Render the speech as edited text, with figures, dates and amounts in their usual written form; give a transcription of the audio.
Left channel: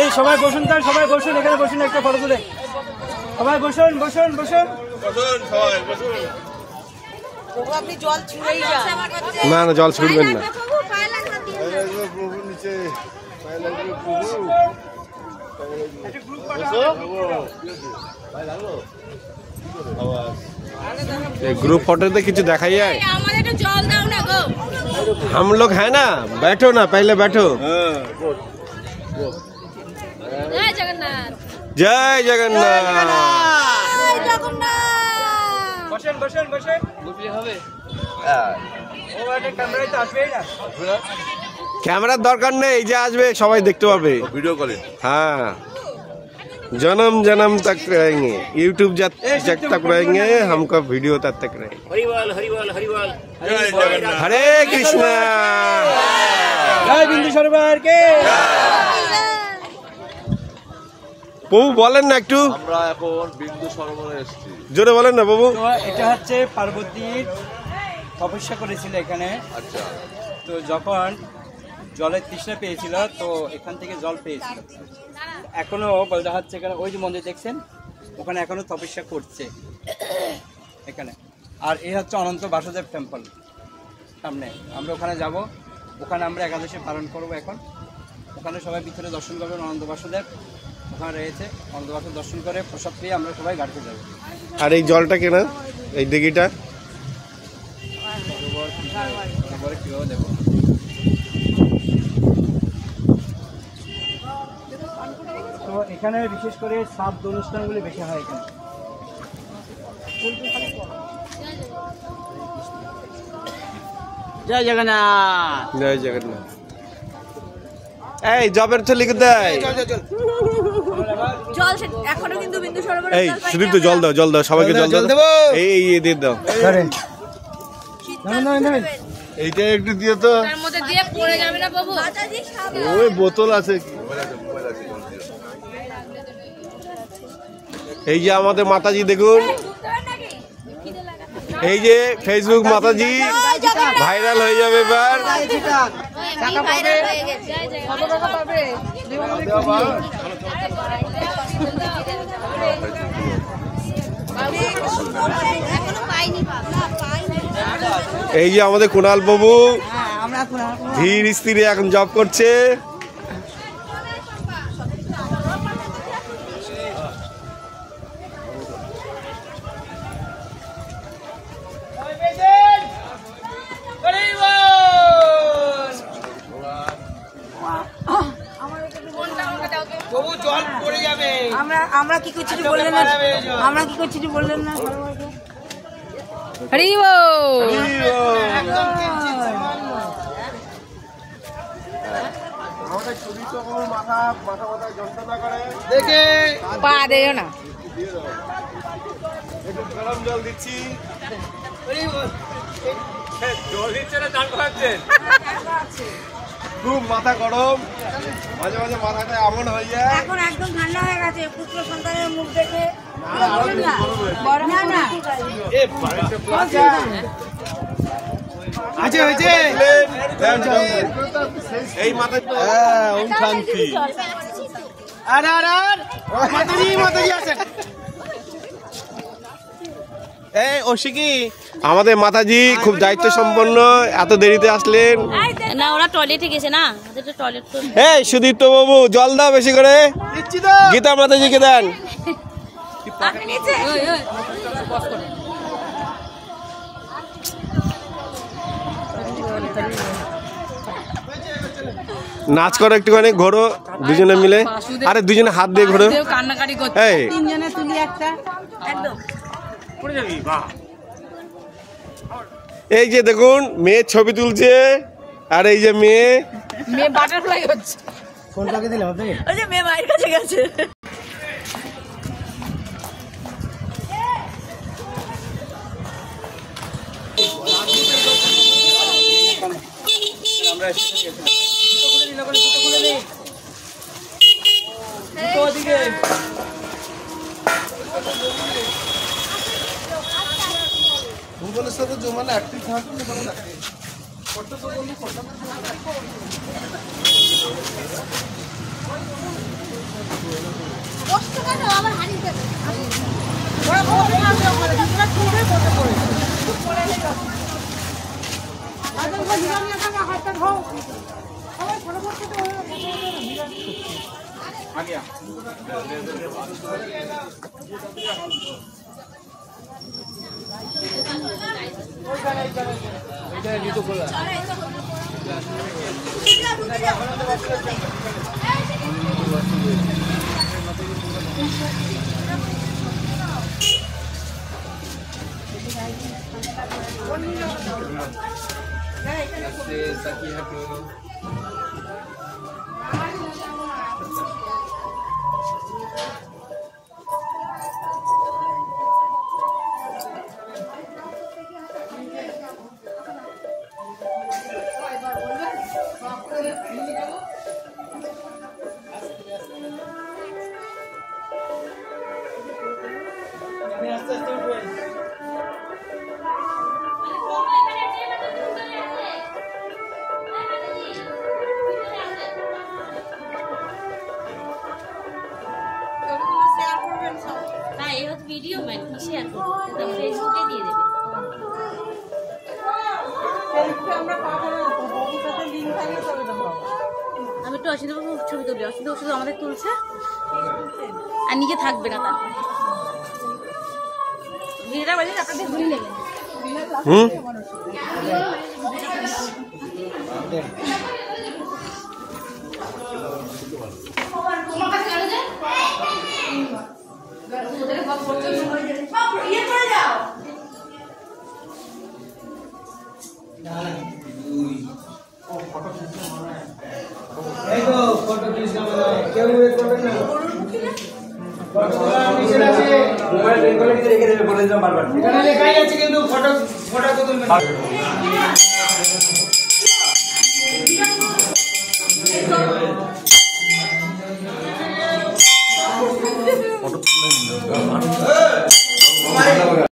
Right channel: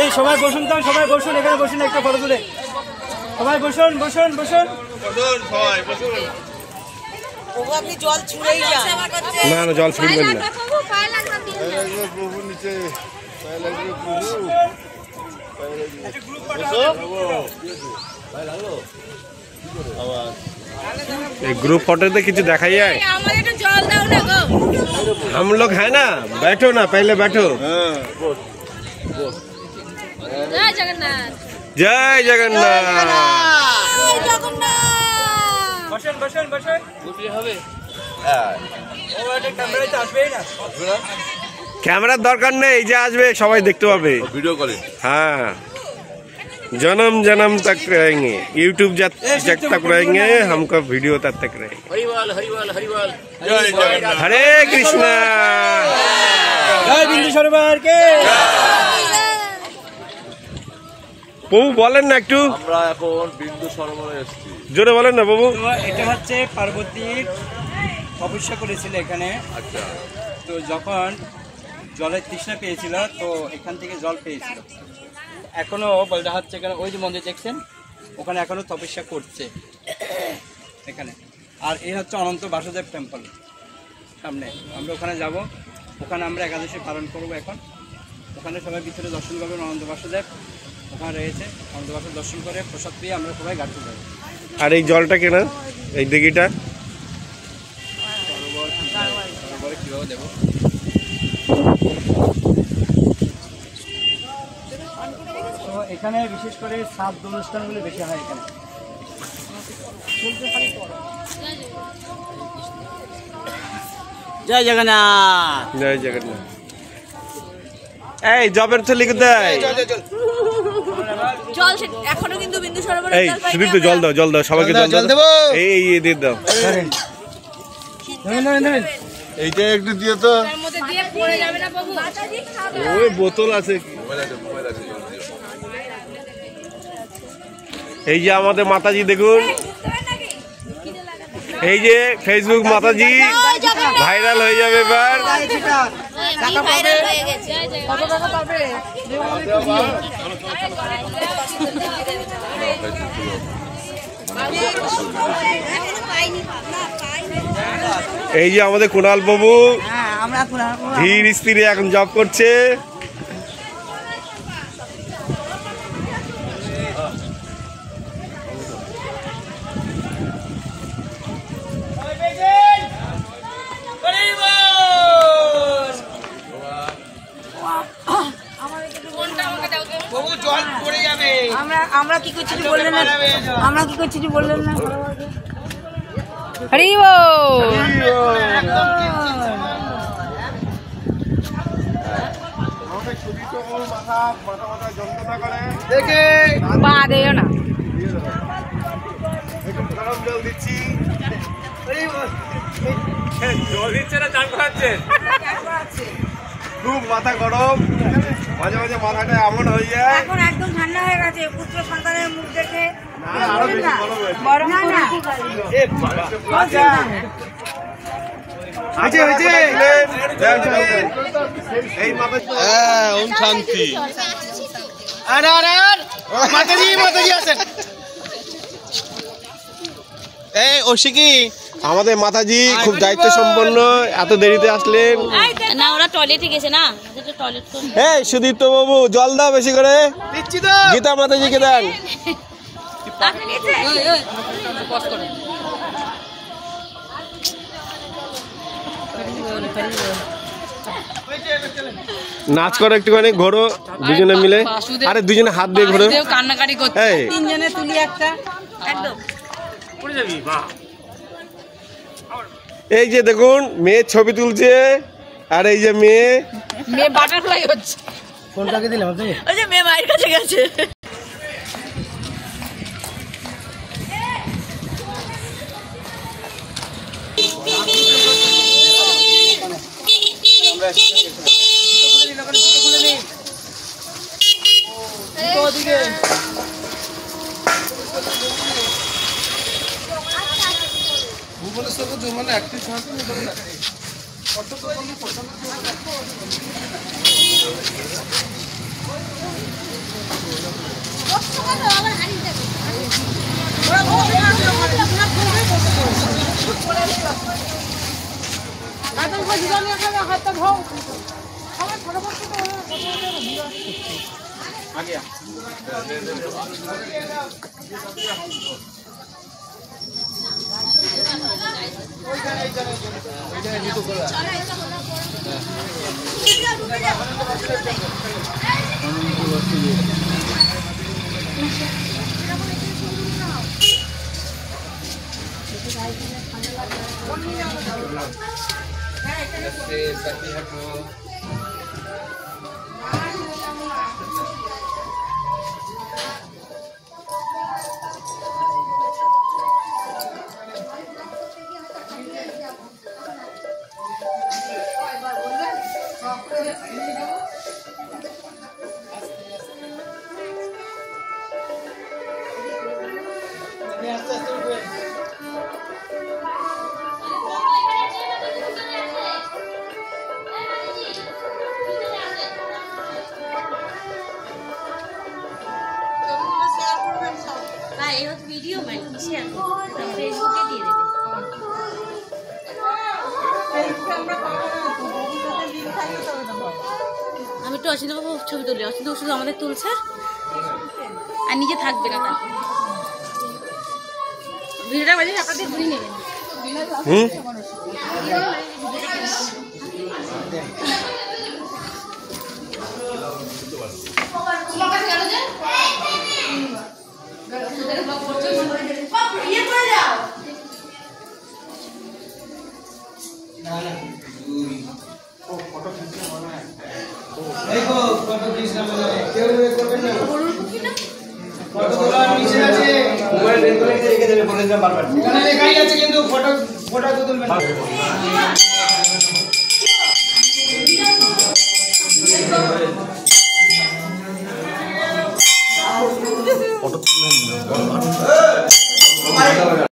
এই সবাই বসুন, তাই সবাই বসুন, এখানে বসুন, একটা ফটো তুলে সবাই বসুন বসুন বসুন সবাই বসুন। আপনি জল ছুঁড়েই যান। না না, জল ছুটবেন না। প্রভু নিচে পায়ে লাগবে প্রভু। ग्रुप फोटो तो किसी देखा जाए। हम लोग है ना, बैठो ना, पहले बैठो। जय जगन्नाथ, जय जगन्नाथ। कैमरा दरकार नहीं, जे आसबे सबाई देखते पाबे वीडियो कॉल। हाँ, जन्म जन्म तक रहेंगे, यूट्यूब जब तक रहेंगे, हमको वीडियो तब तक रहेंगे। जय जगन्नाथ। हरे कृष्णा। जय बिंदुसार के। বাবু বলেন না একটু। আমরা এখন বিন্দু সরোবরে এসেছি। জোরে বলেন না বাবু। তো এটা হচ্ছে পার্বতীর তপস্যা করেছিল এখানে। আচ্ছা। তো যখন জলের তৃষ্ণা পেয়েছিল, তো এখান থেকে জল পেয়েছিল। এখনো বলতে হচ্ছে এখানে, ওই যে মন্দির দেখছেন, ওখানে এখনো তপস্যা করছে এখানে। আর এই হচ্ছে অনন্ত বাসুদেব টেম্পল সামনে। আমরা ওখানে যাব, ওখানে আমরা একাদশী পালন করব এখন। ওখানে সবাই ভিতরে দর্শন করবেন, অনন্ত বাসুদেব ওখানে রয়েছে। অনন্ত বাসুদেব দর্শন করে প্রসাদ পেয়ে আমরা সবাই ঘাটতে যাবো। আর এই জলটা কেনা, এই দিঘিটা সরোবরে কীভাবে দেবো? তো এখানে বিশেষ করে শ্রাদ্ধ অনুষ্ঠানগুলি বেশি হয় এখানে। জয় জগন্নাথ, জয় জগন্নাথ। এই জবের থলি কোথায়? জল এখনো কিন্তু বিন্দু সরোবরে। এই সুদীপ তো জল দাও, জল দাও, সবাইকে জল দাও। এই এই দিয়ে দাও। এইটা একটু দিও তো। তার মধ্যে দিয়ে পড়ে যাবে না বাবু। ওই বোতল আছে। এই যে আমাদের মাতাজি দেখুন, এই যে ফেসবুক মাতাজি ভাইরাল হয়ে যাবে এবার। এই যে আমাদের কুণাল বাবু ধীর স্থিরে এখন জব করছে। আমরা কি করছি বললেন না? আমরা কি করছি বললেন না? হরি বল। আমাদের ছবি তো মাথা যন্ত্রণা করে দেখে পা দেও না। একটু গরম জল দিচ্ছি। জল দিচ্ছে না, চান করাচ্ছে। খুব মাথা গরম, মাঝে মাঝে মাথাটা এমন হয়ে যায়। এখন একদম ঠান্ডা হয়ে গেছে পুত্র সন্তানের মুখ দেখে। শান্তি। আমাদের মাতাজি খুব দায়িত্ব সম্পন্ন, এত দেরিতে আসলেন না, ওরা টয়লেটে গেছে না। টয়লেট তো এই সুদীপ্ত বাবু জল দাও বেশি করে। গীতা মাতাজিকে দেন। নাচ করো একটুখানি, ঘোরো দুজনে মিলে। আরে দুজনে হাত দিয়ে ঘোরো। কান্নাকাটি করছে। এই তিনজনে তুলি একটা একদম। এই যে দেখুন মেয়ের ছবি তুলছে, আর এই যে মেয়ে বাটারফ্লাই হচ্ছে। কোনটাকে দিলাম? ওই যে মেয়ে মায়ের কাছে গেছে। আগে ভিডিও শেয়ার করবে ফেসবুকে দিয়ে দেবে। আমি একটু অসিত বাবু ছবি তুলি, অসিত শুধু আমাদের তুলছে আর নিজে থাকবে না। তার ভিডিওটা বাজে আপনাদের ঘুরিয়ে নেবেন। রেখে দেবে বলে বারবার।